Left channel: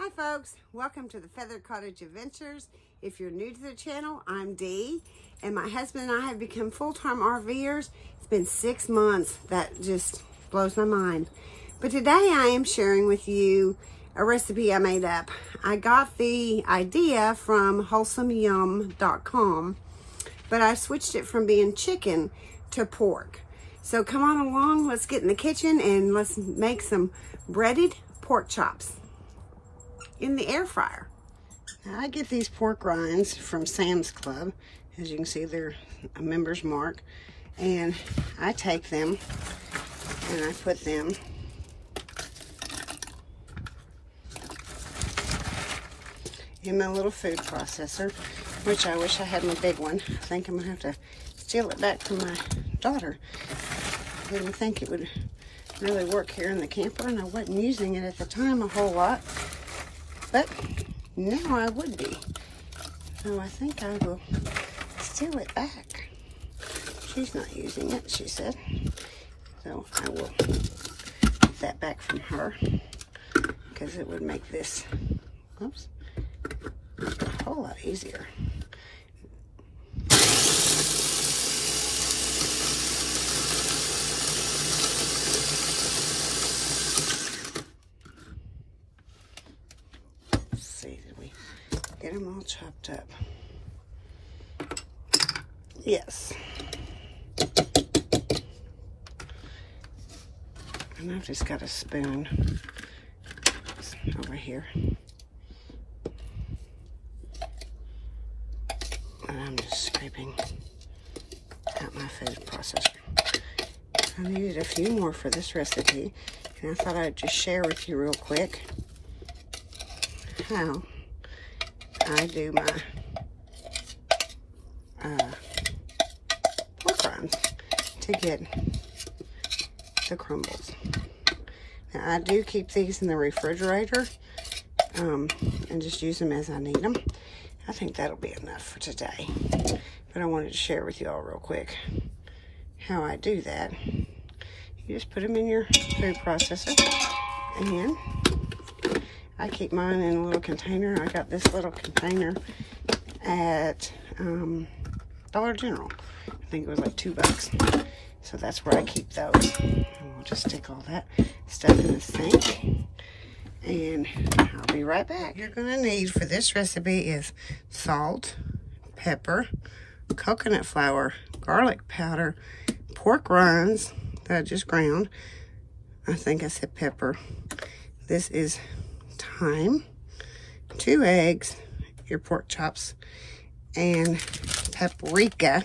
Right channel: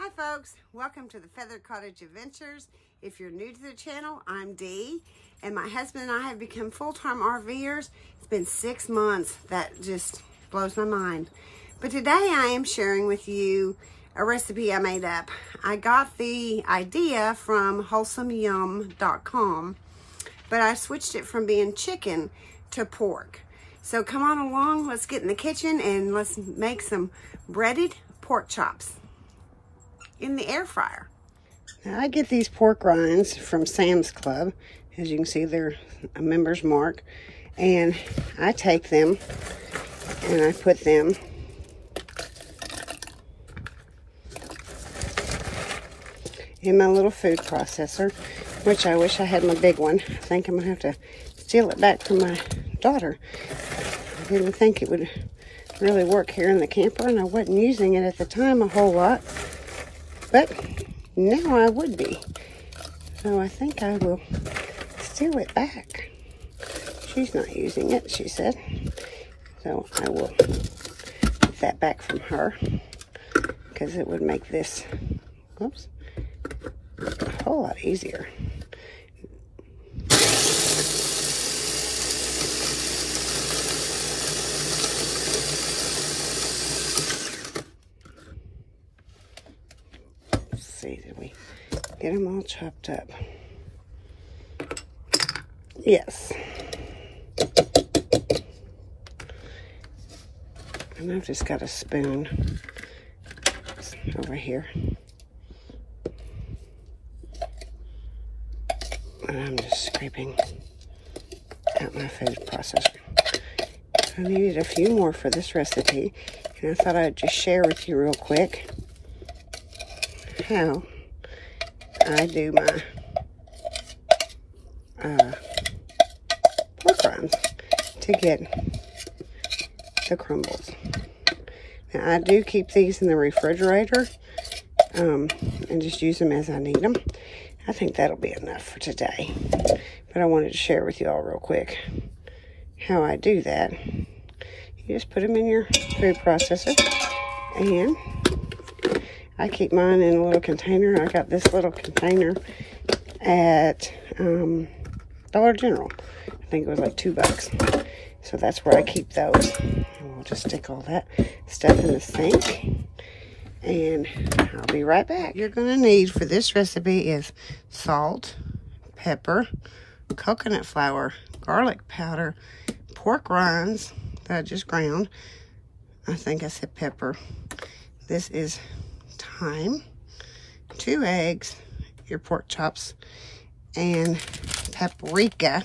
Hi folks, welcome to the Feathered Cottage Adventures. If you're new to the channel, I'm Dee, and my husband and I have become full-time RVers. It's been 6 months. That just blows my mind. But today I am sharing with you a recipe I made up. I got the idea from wholesomeyum.com, but I switched it from being chicken to pork. So come on along, let's get in the kitchen and let's make some breaded pork chops in the air fryer. Now I get these pork rinds from Sam's Club. As you can see, they're a member's mark. And I take them and I put them in my little food processor, which I wish I had my big one. I think I'm gonna have to steal it back from my daughter. I didn't think it would really work here in the camper, and I wasn't using it at the time a whole lot. But now I would be. So I think I will steal it back. She's not using it, she said. So I will get that back from her, because it would make this, whoops, a whole lot easier. Did we get them all chopped up? Yes. And I've just got a spoon over here. And I'm just scraping out my food processor. I needed a few more for this recipe, and I thought I'd just share with you real quick how I do my pork rinds to get the crumbles. Now I do keep these in the refrigerator and just use them as I need them. I think that'll be enough for today, but I wanted to share with you all real quick how I do that. You just put them in your food processor, and I keep mine in a little container. I got this little container at Dollar General. I think it was like $2. So that's where I keep those. And we'll just stick all that stuff in the sink. And I'll be right back. What you're gonna need for this recipe is salt, pepper, coconut flour, garlic powder, pork rinds that I just ground. I think I said pepper. This is thyme, 2 eggs, your pork chops, and paprika.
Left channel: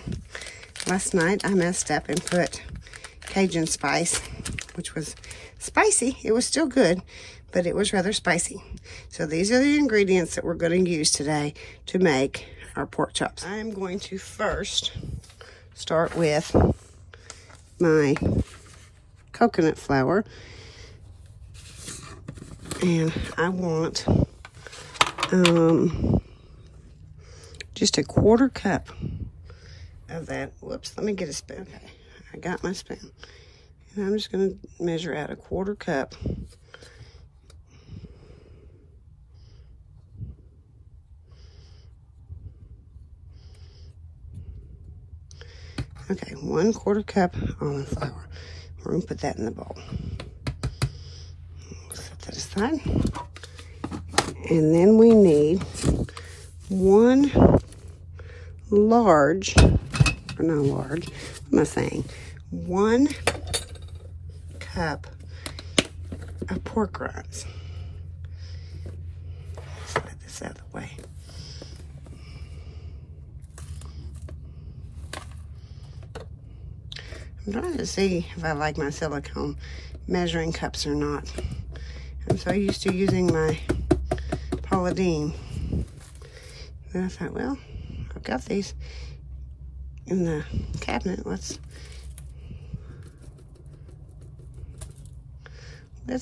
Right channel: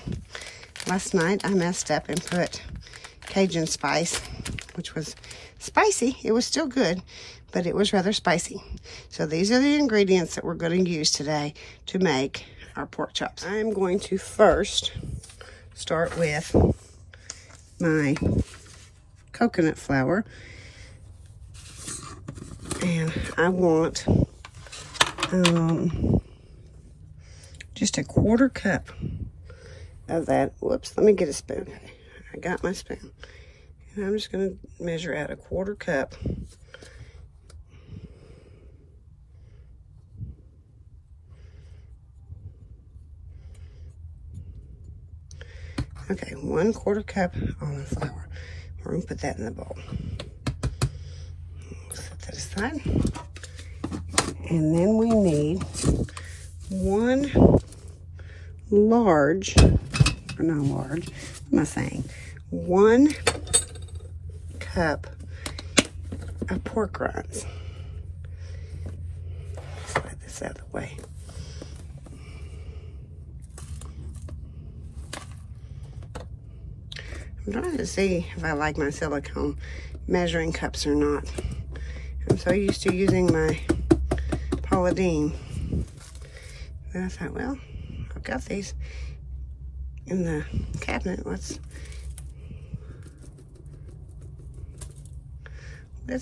Last night I messed up and put Cajun spice, which was spicy. It was still good, but it was rather spicy. So these are the ingredients that we're going to use today to make our pork chops. I'm going to first start with my coconut flour. And I want just a 1/4 cup of that. Whoops, let me get a spoon. Okay, I got my spoon. And I'm just going to measure out a 1/4 cup. Okay, 1/4 cup almond flour. We're going to put that in the bowl. Set that aside. And then we need 1 large, or not large, what am I saying? 1 cup of pork rinds. Slide this out of the way. I'm trying to see if I like my silicone measuring cups or not. I'm so used to using my Paula Deen. And I thought, well, I've got these in the cabinet. Let's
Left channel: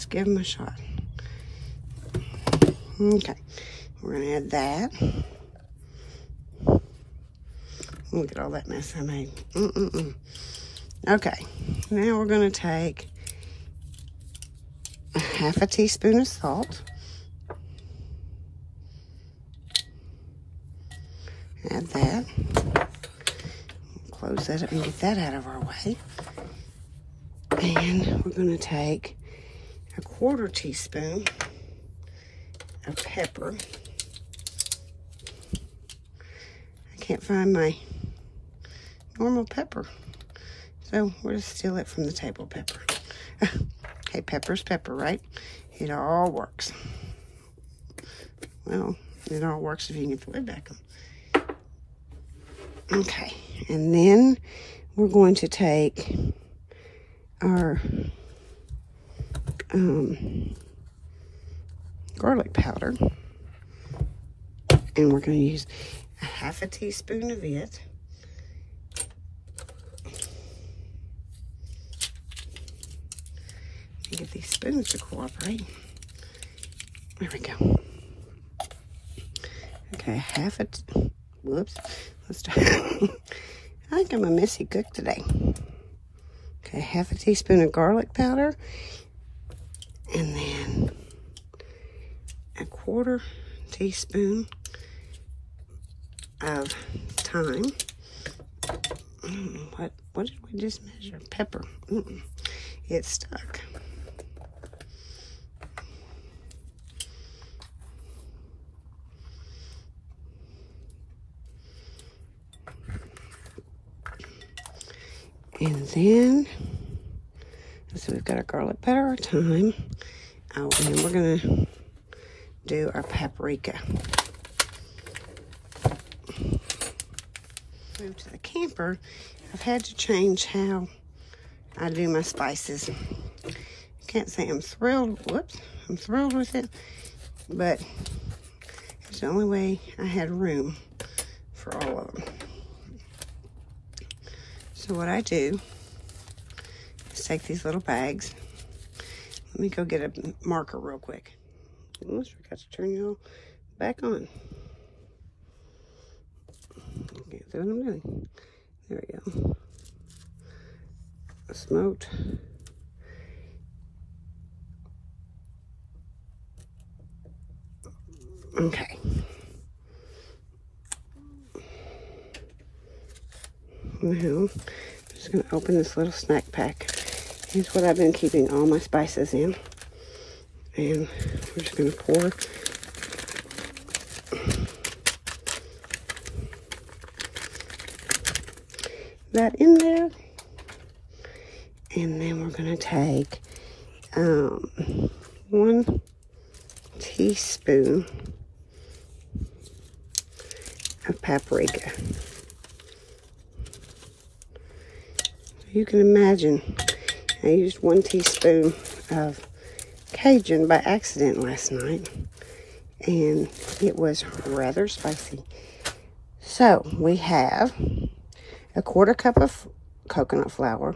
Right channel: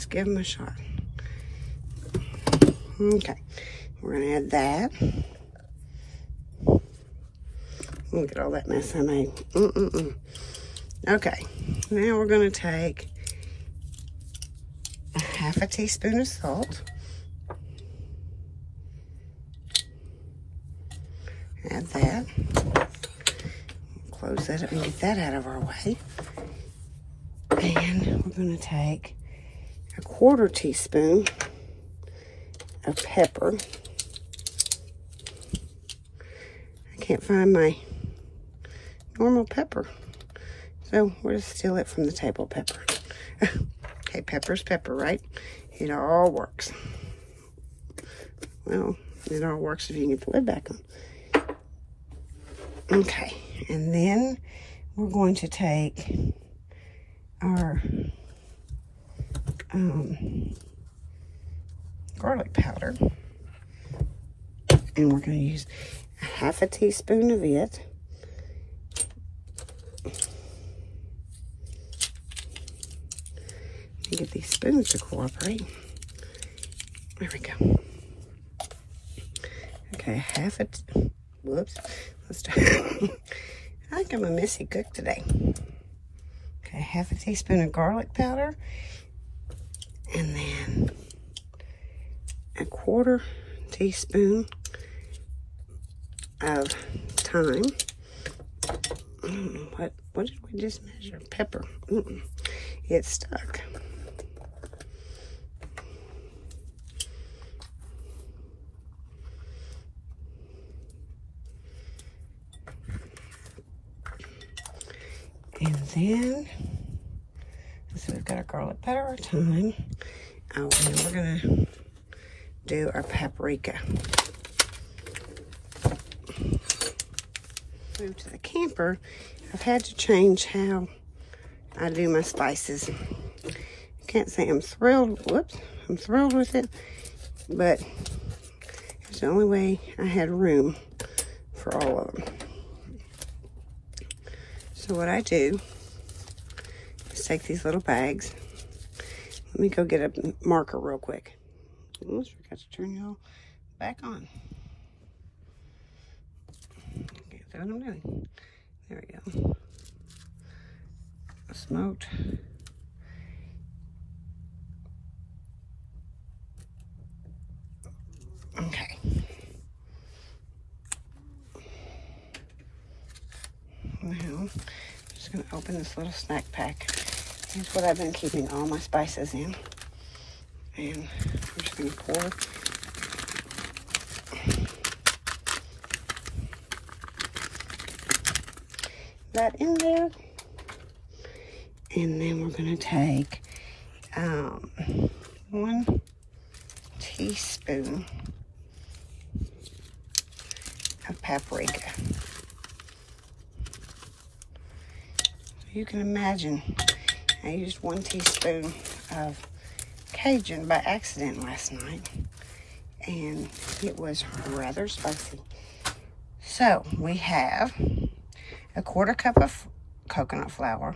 give them a shot. Okay, we're gonna add that. Look at all that mess I made. Okay, now we're gonna take a 1/2 teaspoon of salt. add that. Close that up and get that out of our way. And we're going to take a 1/4 teaspoon of pepper. I can't find my normal pepper, so we'll just steal it from the table pepper. Okay, pepper's pepper, right? It all works. Well, it all works if you can get the lid back on. Okay, and then we're going to take our garlic powder, and we're going to use a 1/2 teaspoon of it. And get these spoons to cooperate. There we go. Okay, whoops. Let's start. I think I'm a messy cook today. Okay, 1/2 teaspoon of garlic powder, and then a 1/4 teaspoon of thyme. What did we just measure? Pepper. It's stuck. And then, so we've got our garlic powder, our thyme. Oh, and we're gonna do our paprika. Move to the camper. I've had to change how I do my spices. I can't say I'm thrilled. Whoops, I'm thrilled with it, but it's the only way I had room for all of them. So what I do is take these little bags. Let me go get a marker real quick. Almost forgot to turn y'all back on. Okay, that's what I'm doing. There we go. Smoked. Okay. Now, I'm just going to open this little snack pack. Here's what I've been keeping all my spices in. And I'm just going to pour that in there. And then we're going to take 1 teaspoon of paprika. You can imagine I used 1 teaspoon of Cajun by accident last night, and it was rather spicy. So we have a 1/4 cup of coconut flour,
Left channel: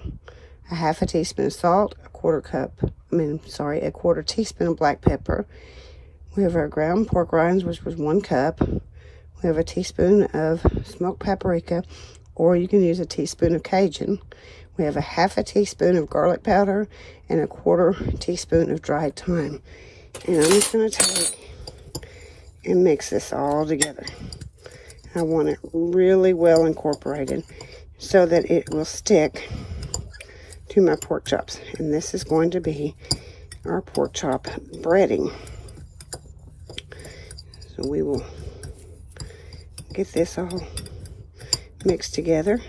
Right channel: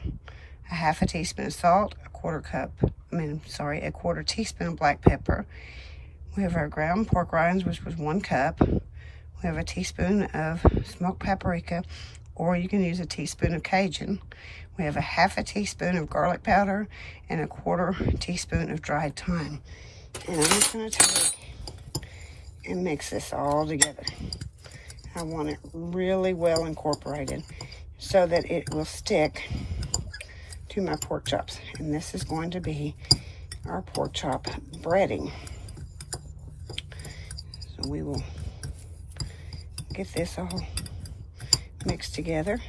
a 1/2 teaspoon of salt, a 1/4 teaspoon of black pepper. We have our ground pork rinds, which was 1 cup. We have a teaspoon of smoked paprika, or you can use a teaspoon of Cajun. We have a 1/2 teaspoon of garlic powder and a 1/4 teaspoon of dried thyme. And I'm just going to take and mix this all together. I want it really well incorporated so that it will stick to my pork chops. And this is going to be our pork chop breading. So we will get this all mixed together.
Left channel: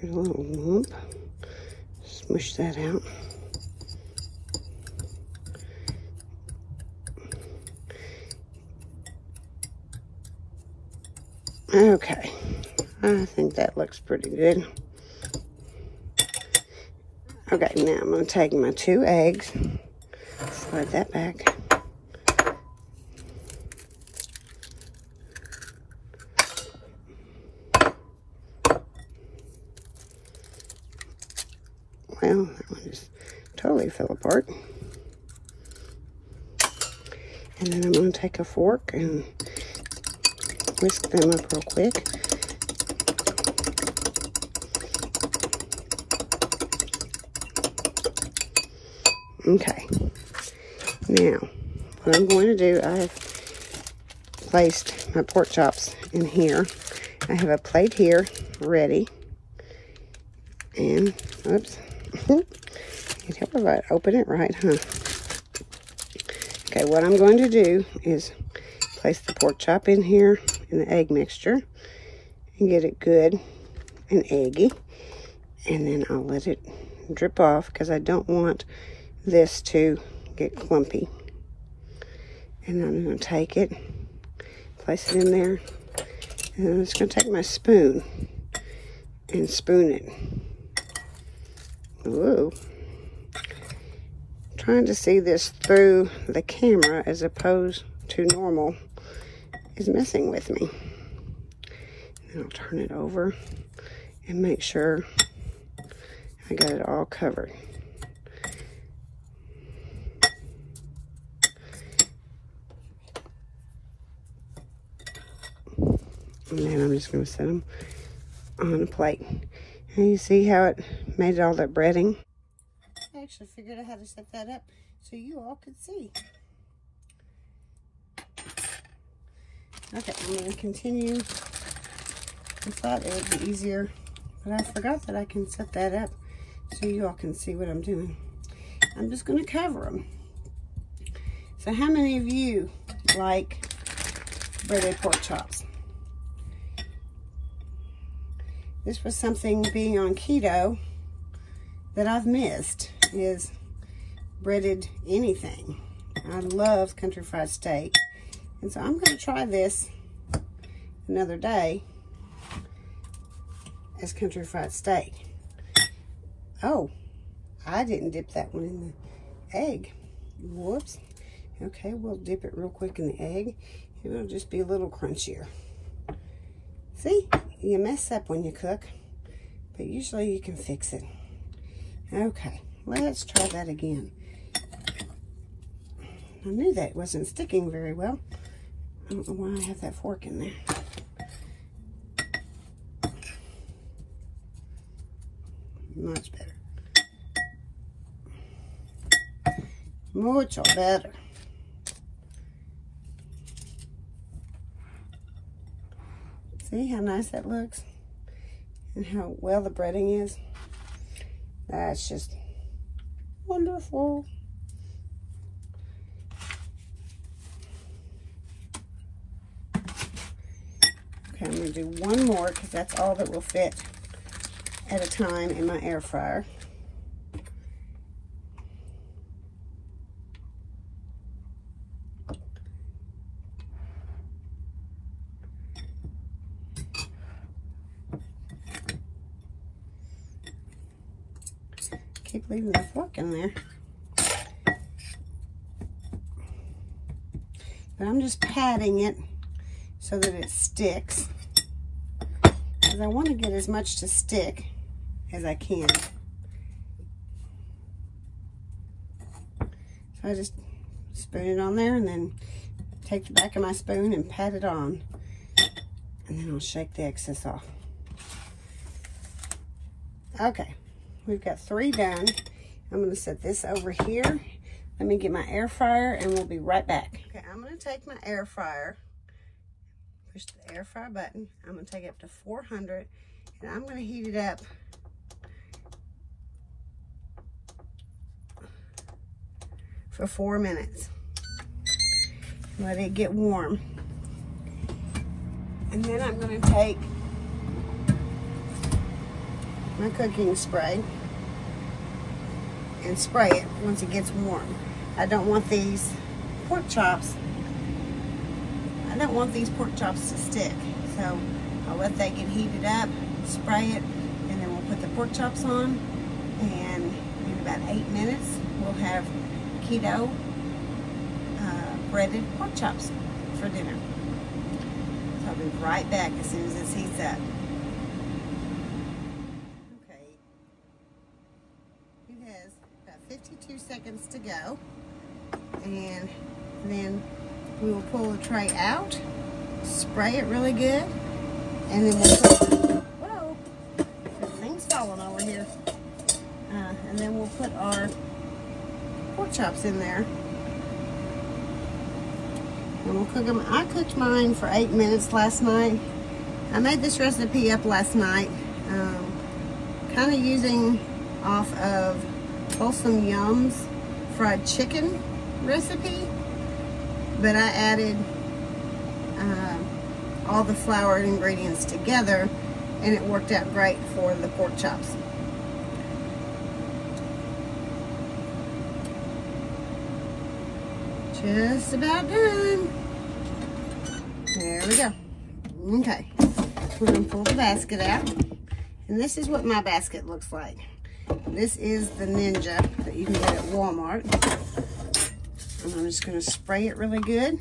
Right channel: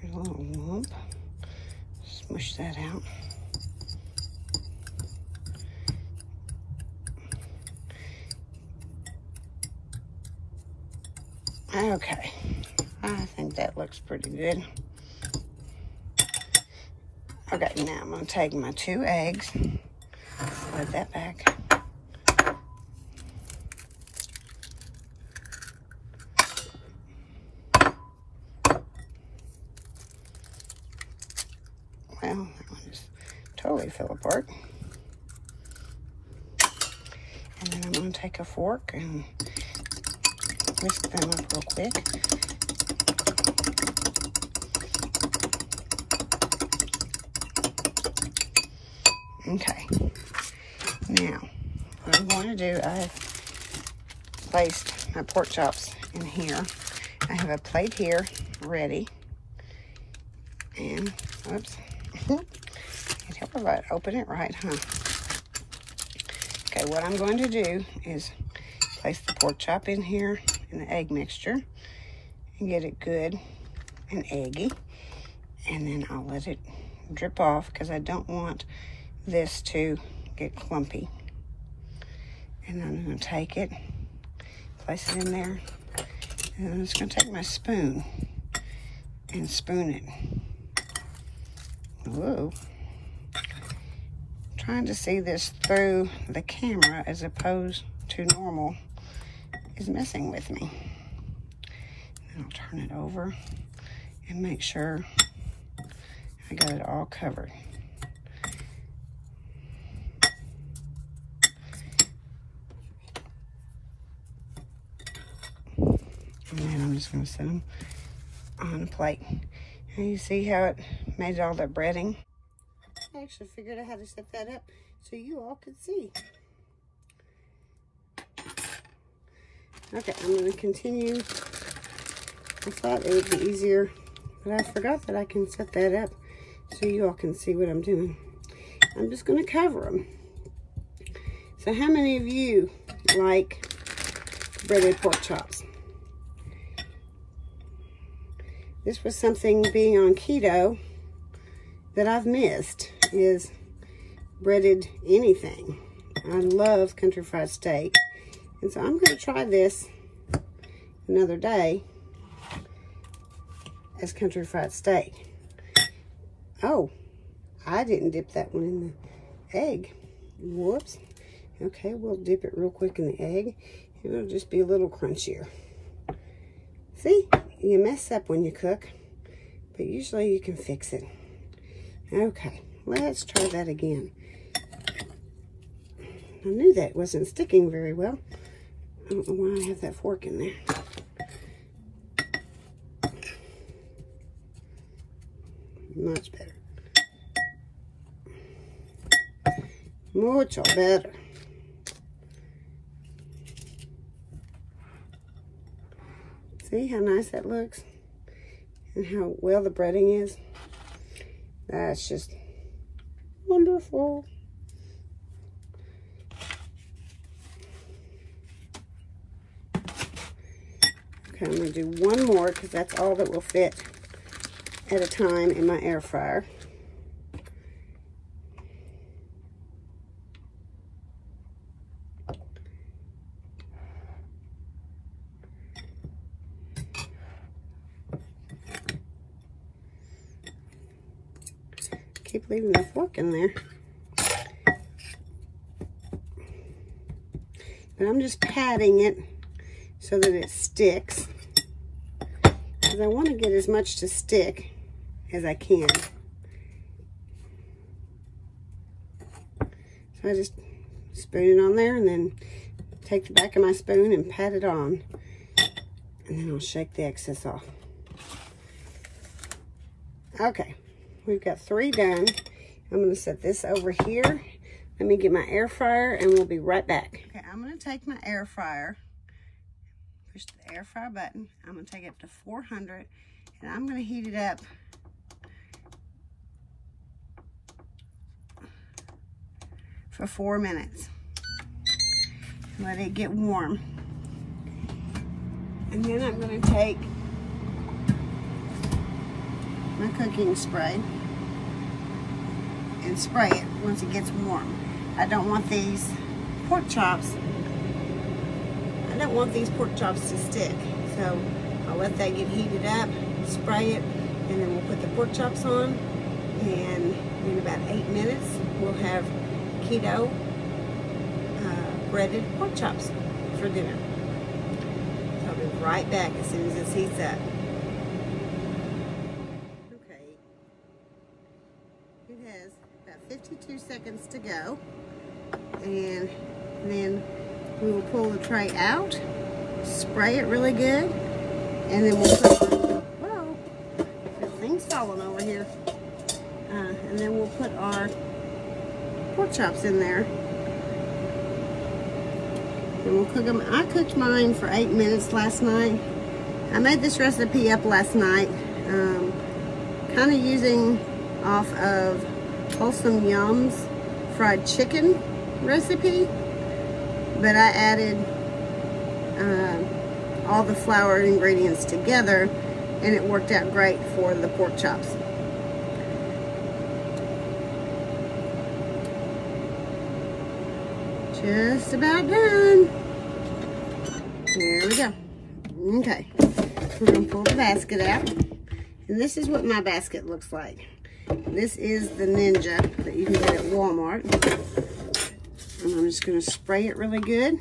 Here's a little lump. Smush that out. Okay, I think that looks pretty good. Okay, now I'm going to take my 2 eggs, slide that back. Well, that one just totally fell apart. And then I'm going to take a fork and whisk them up real quick. Okay. Now, what I'm going to do, I placed my pork chops in here. I have a plate here ready. And, oops. Can't help if I open it right, huh? Okay, what I'm going to do is place the pork chop in here in the egg mixture and get it good and eggy. And then I'll let it drip off because I don't want this to get clumpy. And I'm going to take it, place it in there, and I'm just going to take my spoon and spoon it. Whoa. Trying to see this through the camera as opposed to normal is messing with me. And I'll turn it over and make sure I got it all covered. And then I'm just going to set them on a plate. And you see how it made all that breading? I actually figured out how to set that up so you all could see. Okay, I'm going to continue. I thought it would be easier, but I forgot that I can set that up so you all can see what I'm doing. I'm just going to cover them. So how many of you like breaded pork chops? This was something, being on keto, that I've missed, is breaded anything. I love country fried steak. And so I'm going to try this another day as country fried steak. Oh, I didn't dip that one in the egg. Whoops. Okay, we'll dip it real quick in the egg. It'll just be a little crunchier. See, you mess up when you cook, but usually you can fix it. Okay, let's try that again. I knew that wasn't sticking very well. I don't know why I have that fork in there. Much better. Mucho better. See how nice that looks? And how well the breading is? That's just wonderful. Okay, I'm going to do one more because that's all that will fit at a time in my air fryer. Keep leaving the fork in there. But I'm just patting it so that it sticks. Because I want to get as much to stick as I can. So I just spoon it on there and then take the back of my spoon and pat it on. And then I'll shake the excess off. Okay. We've got 3 done. I'm going to set this over here. Let me get my air fryer and we'll be right back. Okay, I'm going to take my air fryer, push the air fryer button. I'm going to take it up to 400 and I'm going to heat it up for 4 minutes. Let it get warm. And then I'm going to take my cooking spray and spray it once it gets warm. I don't want these pork chops to stick. So I'll let that get heated up, spray it, and then we'll put the pork chops on, and in about 8 minutes we'll have keto breaded pork chops for dinner. So I'll be right back as soon as this heats up. It has about 52 seconds to go, and then we will pull the tray out, spray it really good, and then we'll put, whoa, thing's falling over here, and then we'll put our pork chops in there, And we'll cook them. I cooked mine for 8 minutes last night. I made this recipe up last night, kind of using off of Wholesome Yum's fried chicken recipe, but I added all the flour ingredients together, and it worked out great for the pork chops. Just about done. There we go. Okay, we're gonna pull the basket out, and this is what my basket looks like. This is the Ninja that you can get at Walmart. And I'm just gonna spray it really good.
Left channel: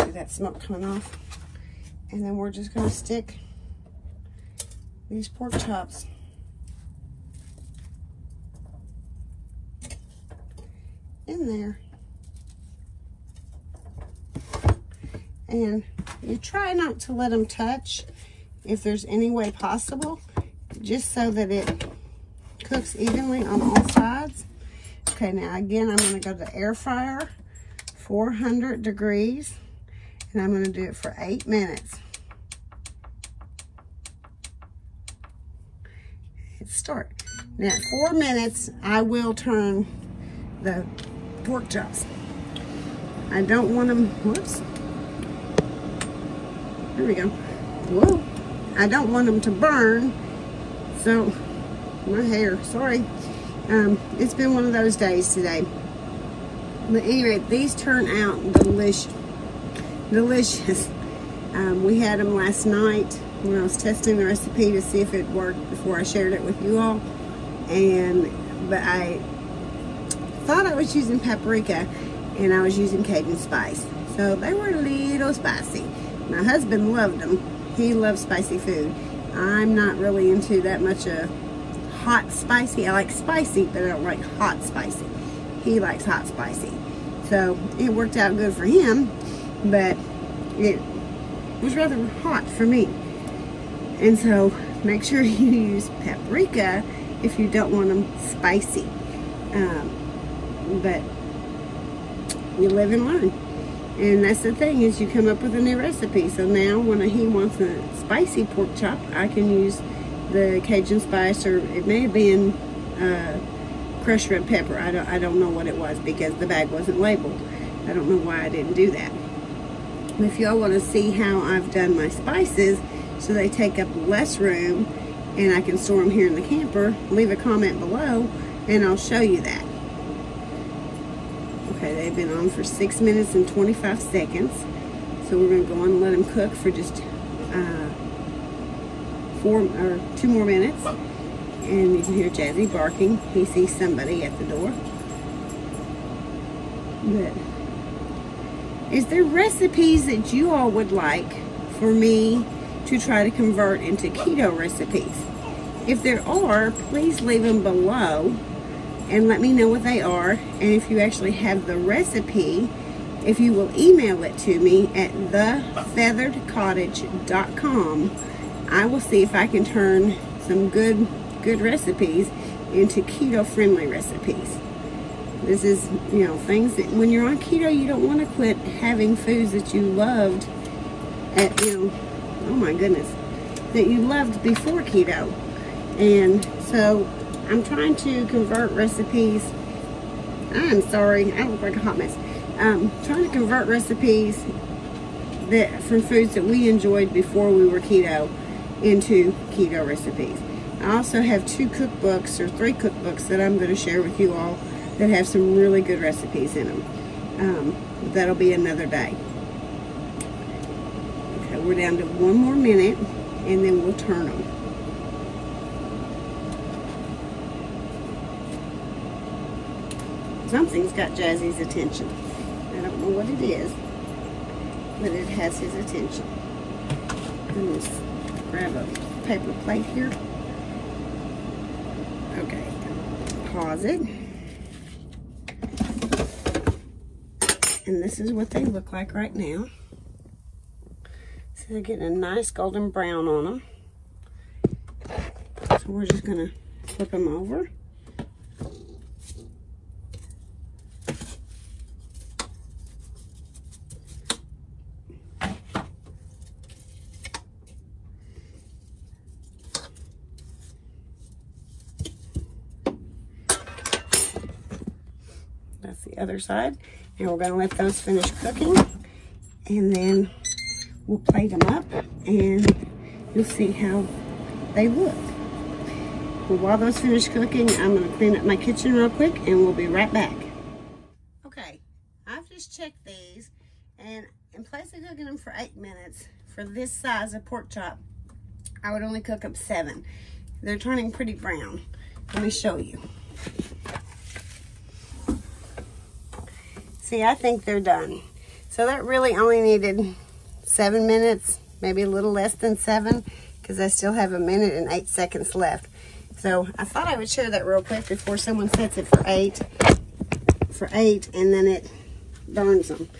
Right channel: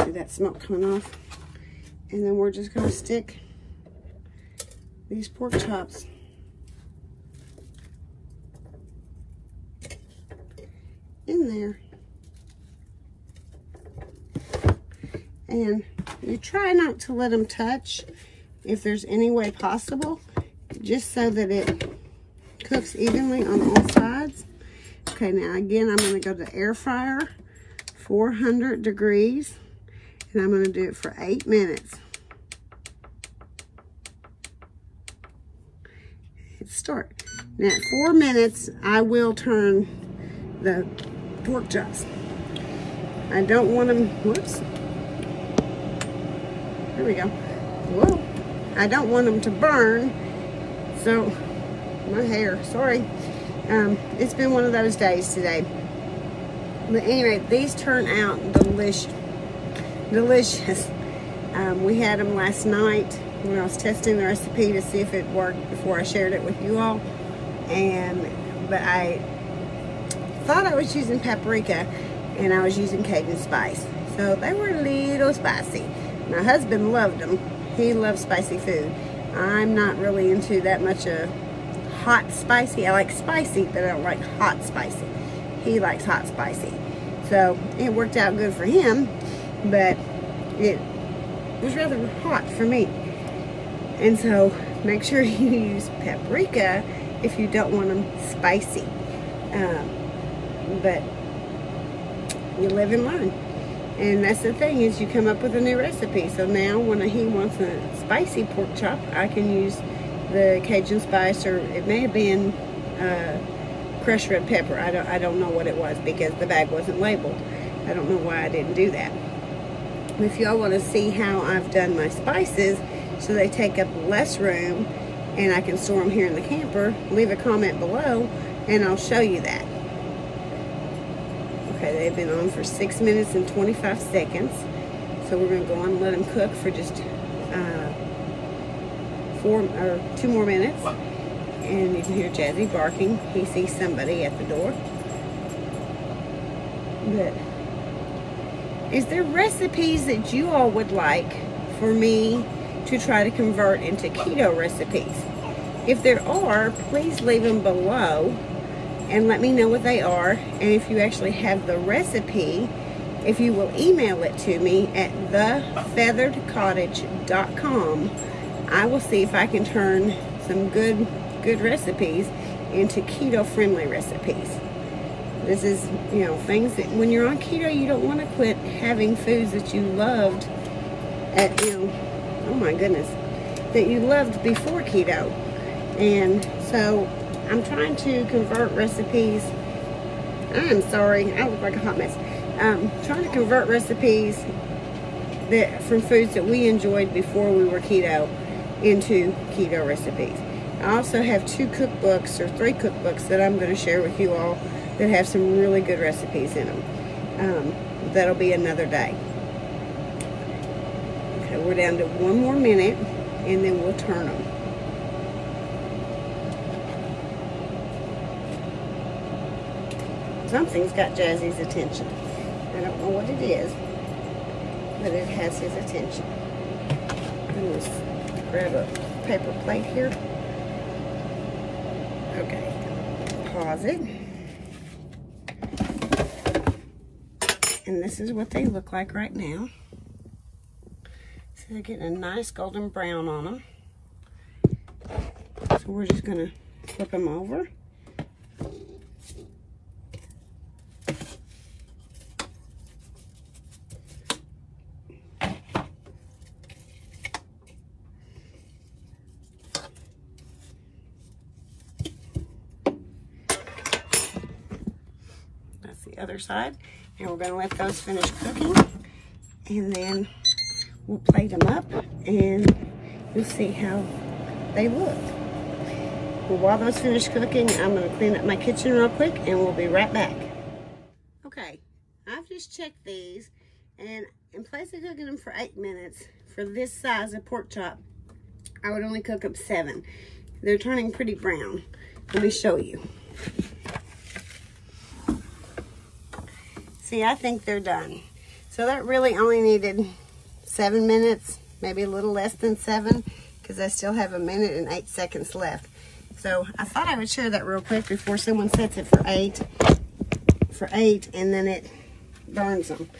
See that smoke coming off? And then we're just gonna stick these pork chops in there. And you try not to let them touch if there's any way possible, just so that it cooks evenly on all sides. Okay, now again, I'm going to go to the air fryer, 400 degrees, and I'm going to do it for 8 minutes. Hit start. Now, at 4 minutes, I will turn the pork chops. I don't want them, whoops. There we go. Whoa. I don't want them to burn. So, my hair, sorry. It's been one of those days today. But anyway, these turn out delicious. We had them last night when I was testing the recipe to see if it worked before I shared it with you all. But I thought I was using paprika, and I was using Cajun spice. So they were a little spicy. My husband loved them. He loves spicy food. I'm not really into that much of hot spicy. I like spicy, but I don't like hot spicy. He likes hot spicy. So it worked out good for him, but it was rather hot for me. And so make sure you use paprika if you don't want them spicy. But you live and learn. And that's the thing, is you come up with a new recipe. So now when he wants a spicy pork chop, I can use the Cajun spice, or it may have been crushed red pepper. I don't know what it was, because the bag wasn't labeled. I don't know why I didn't do that. If y'all want to see how I've done my spices so they take up less room and I can store them here in the camper, leave a comment below and I'll show you that. Okay, they've been on for 6 minutes and 25 seconds. So we're going to go on and let them cook for just 2 more minutes. And you can hear Jazzy barking. He sees somebody at the door. But is there recipes that you all would like for me to try to convert into keto recipes? If there are, please leave them below and let me know what they are. And if you actually have the recipe, if you will email it to me at thefeatheredcottage.com, I will see if I can turn some good recipes into keto-friendly recipes. This is, you know, things that when you're on keto, you don't want to quit having foods that you loved at, you know, oh my goodness, that you loved before keto. And so I'm trying to convert recipes. I'm sorry, I look like a hot mess. Trying to convert recipes from foods that we enjoyed before we were keto into keto recipes. I also have 2 cookbooks or 3 cookbooks that I'm going to share with you all that have some really good recipes in them. But that'll be another day. Okay, we're down to 1 more minute and then we'll turn them. Something's got Jazzy's attention. I don't know what it is, but it has his attention. Let me grab a paper plate here. Okay, pause it. And this is what they look like right now. So they're getting a nice golden brown on them. So we're just gonna flip them over. the other side. And we're gonna let those finish cooking. And then we'll plate them up and you'll see how they look. Well, while those finish cooking, I'm gonna clean up my kitchen real quick and we'll be right back. Okay, I've just checked these, and in place of cooking them for 8 minutes, for this size of pork chop, I would only cook up 7. They're turning pretty brown. Let me show you. See, I think they're done. So that really only needed 7 minutes, maybe a little less than 7, because I still have 1 minute and 8 seconds left. So I thought I would share that real quick before someone sets it for 8, and then it burns them.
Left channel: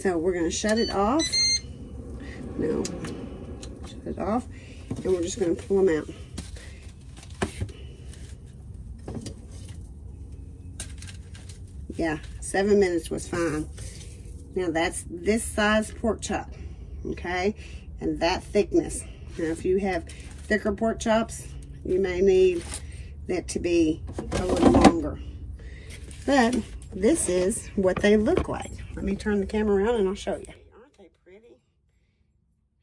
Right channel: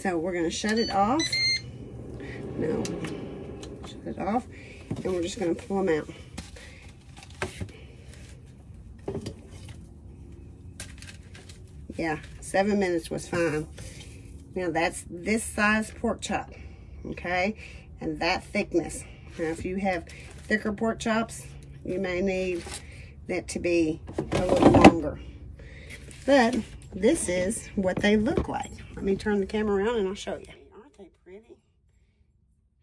So we're gonna shut it off. No, shut it off, and we're just gonna pull them out. Yeah, 7 minutes was fine. Now that's this size pork chop, okay? And that thickness. Now if you have thicker pork chops, you may need that to be a little longer. But this is what they look like. Let me turn the camera around and I'll show you. Aren't they pretty?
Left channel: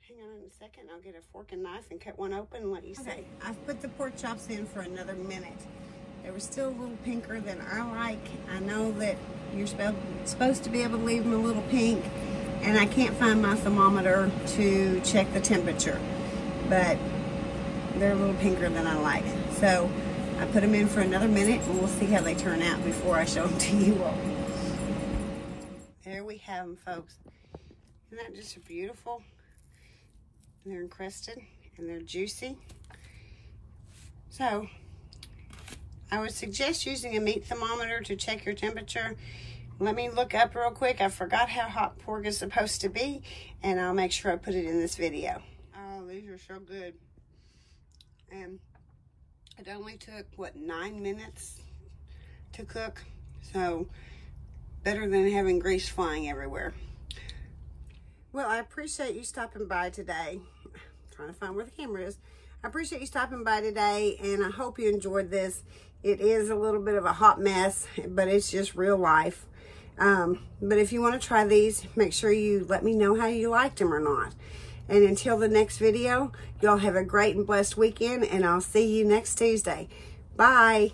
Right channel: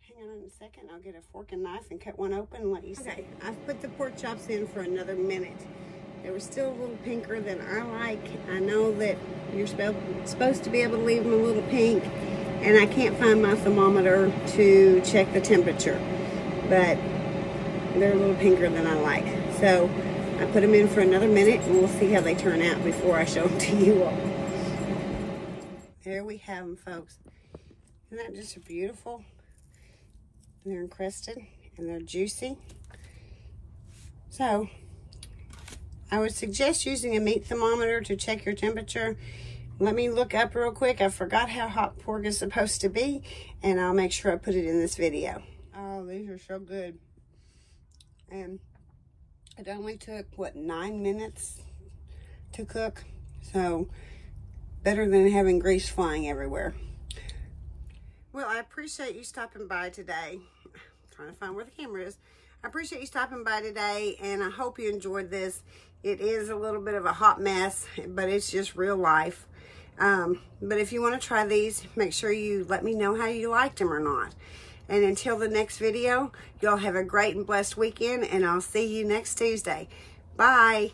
Hang on a second, I'll get a fork and knife and cut one open and let you see. Okay, I've put the pork chops in for another minute. They were still a little pinker than I like. I know that you're supposed to be able to leave them a little pink, and I can't find my thermometer to check the temperature, but they're a little pinker than I like. So I put them in for another minute and we'll see how they turn out before I show them to you all. There we have them, folks. Isn't that just beautiful? And they're encrusted and they're juicy. So I would suggest using a meat thermometer to check your temperature. Let me look up real quick. I forgot how hot pork is supposed to be, and I'll make sure I put it in this video. Oh, these are so good. And it only took, what, 9 minutes to cook? So better than having grease flying everywhere. Well, I appreciate you stopping by today. I'm trying to find where the camera is. I appreciate you stopping by today, and I hope you enjoyed this. It is a little bit of a hot mess, but it's just real life. But if you want to try these, make sure you let me know how you liked them or not. And until the next video, y'all have a great and blessed weekend, and I'll see you next Tuesday. Bye.